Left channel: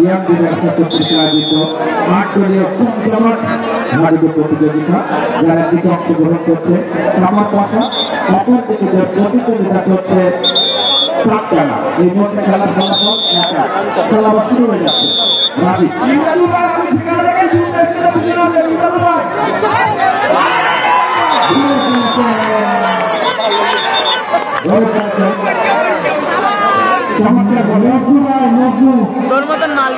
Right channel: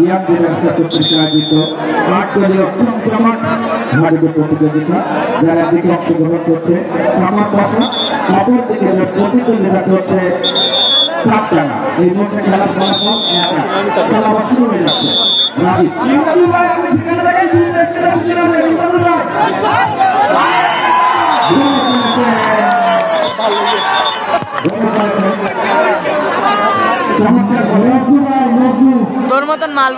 young disaster কর্তৃক আয়োজিত 8 দলীয় চমচমাট ধারাবাহিক প্রতিযোগিতা যারা দিকে অংশগ্রহণ করছে আমার পাশা অপর দিকে যে প্রতিযোগিতা করছে টানা এই মধ্যে খেলার ফলাফল খেলা শুরু হয়ে যাচ্ছে তোর মতন মাল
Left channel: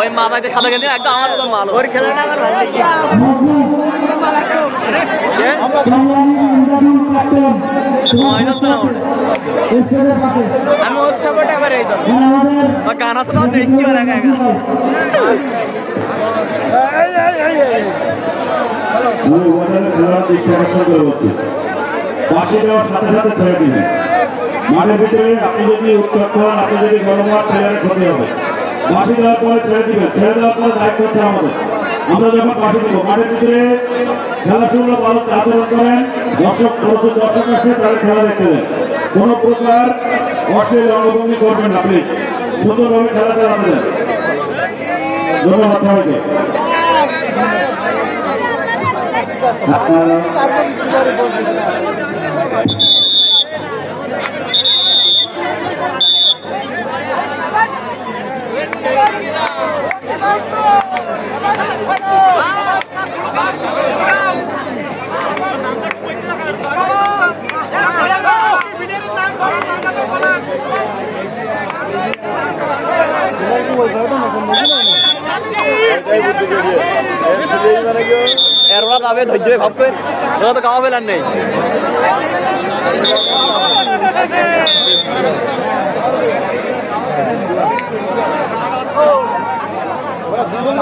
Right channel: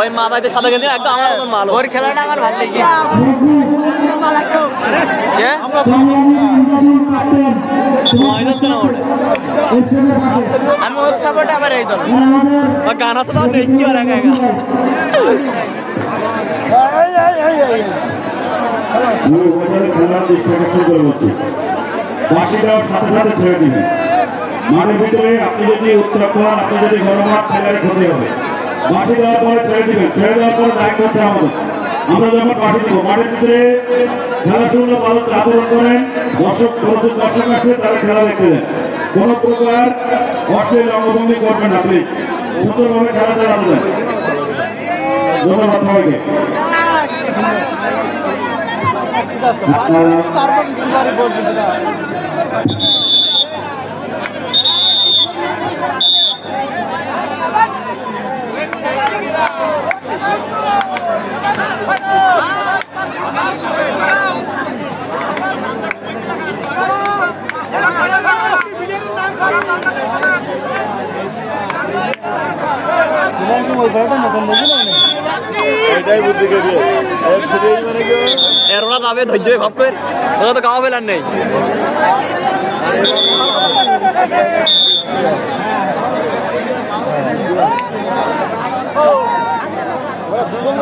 ওই মা ভাইতে খাতা গেছে একদম আমার মতন মাল ওর খেলাটা আমার ভালো লেগে গানা তো দেখতে পারে মাঠের ভিতরে আপনি যদি উত্তর করেন আপনি যদি গণমাঠ খেলায় ক্ষতি হবে বাসি দেওয়ার পরে ছেড়ে দিবেন ছেড়ে দেওয়ার পরে দায়িত্ব হচ্ছে আমাদের আমরা যখন বাসি দিব মাঠের ভিতরে খেলা শুরু ভালো আচরণ করেন দর্শক আসে তারা খেলা দেখতে দেন কোন প্রকার অশ্লীল অঙ্গভঙ্গি করবেন আপনি সুন্দরভাবে খেলা চালাতে দেন ধন্যবাদ সবাইকে এরোরা যাবে ধৈর্য ভাব করে ওরা তো খাওয়া ফেলার নেই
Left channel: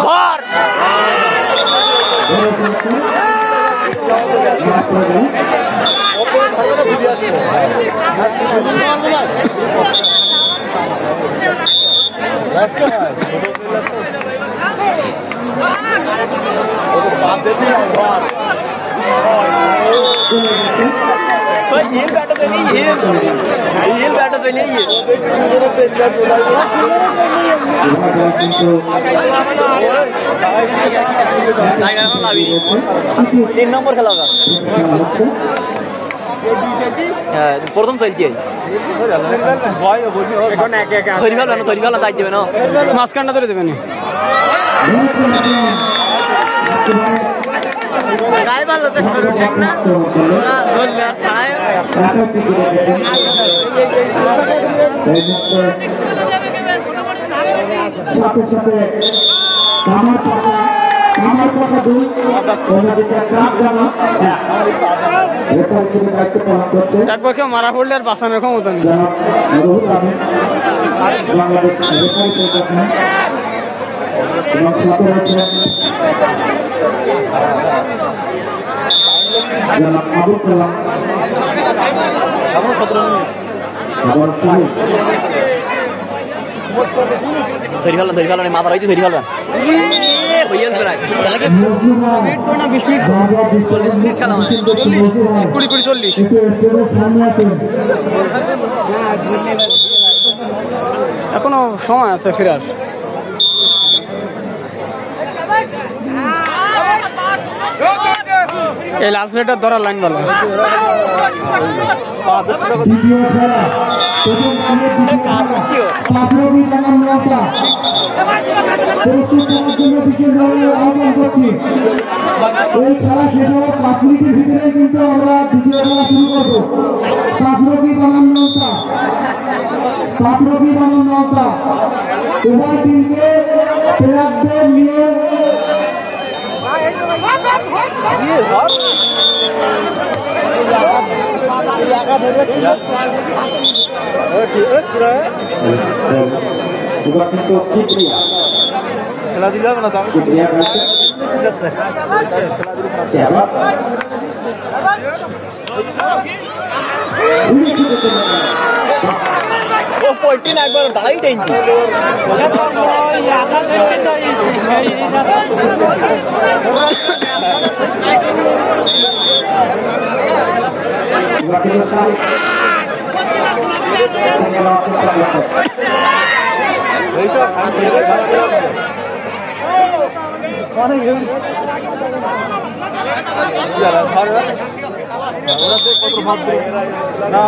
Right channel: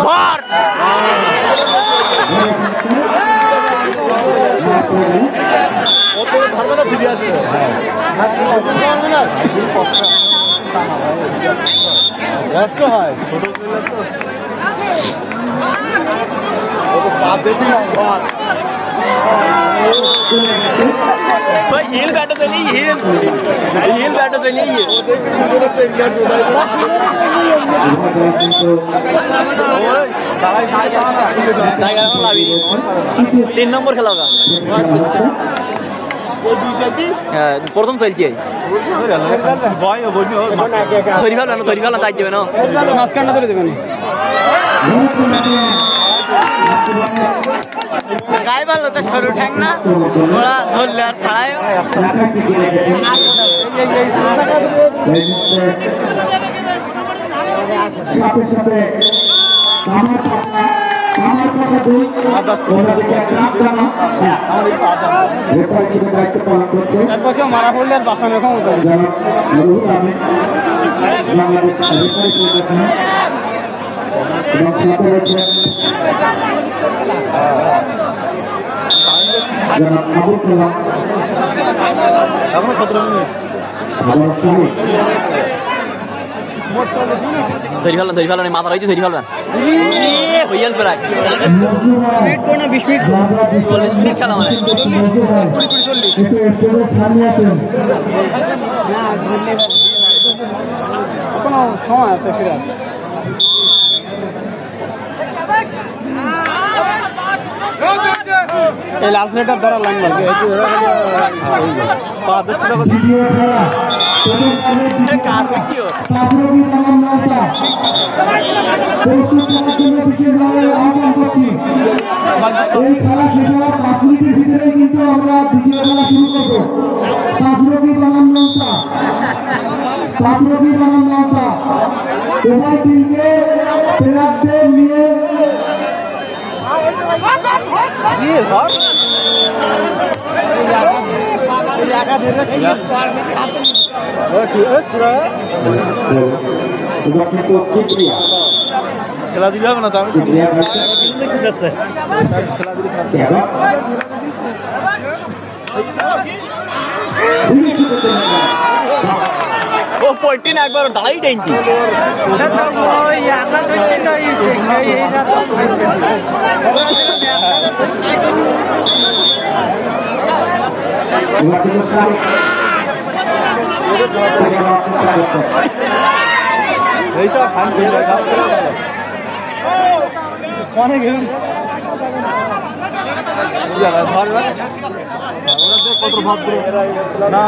ধর हिल बैठो चलिए हिल बैठो चलिए तीन नंबर खेला होगा प्रथम चलती है धरी वाला दायित्व देवे ना मास्कांडा করে দেবেন গায় ভালো তো সরু ঠ্যাং না ওরা ধরলা ছাড়ায় সাথে সাথে আমার পাশে দুই অন্যদিকে কাপ জানা রেফারি হিসেবে দায়িত্ব পালন করছে তারপরে মারা পড়লে আর বাঁচানোর ক্ষমতা নেই রুহুল আমিন বাংলাদেশ রেফারি পরিচালনা এবং সাথে রয়েছে জনাব আবুল কালাম ধরি ফেলো মাথা রয়েছে ধরি ফেলবেন হইয়াল প্রায় 20 মিনিট 40 মিনিট খেলা মানে 20-40 এখনো সময় আছে ফেরার এই লাল প্লেটার ধরা লাইন মারবে কিন্তু কি ক্রিয়া খেলা দিলাম না কি ক্রিয়া করছে ঠিক আছে ও পড়তি না একবার দাঁড়াই টেনছি ওই আধা ধরতে চাইছে সেই রাস্তা পুরো না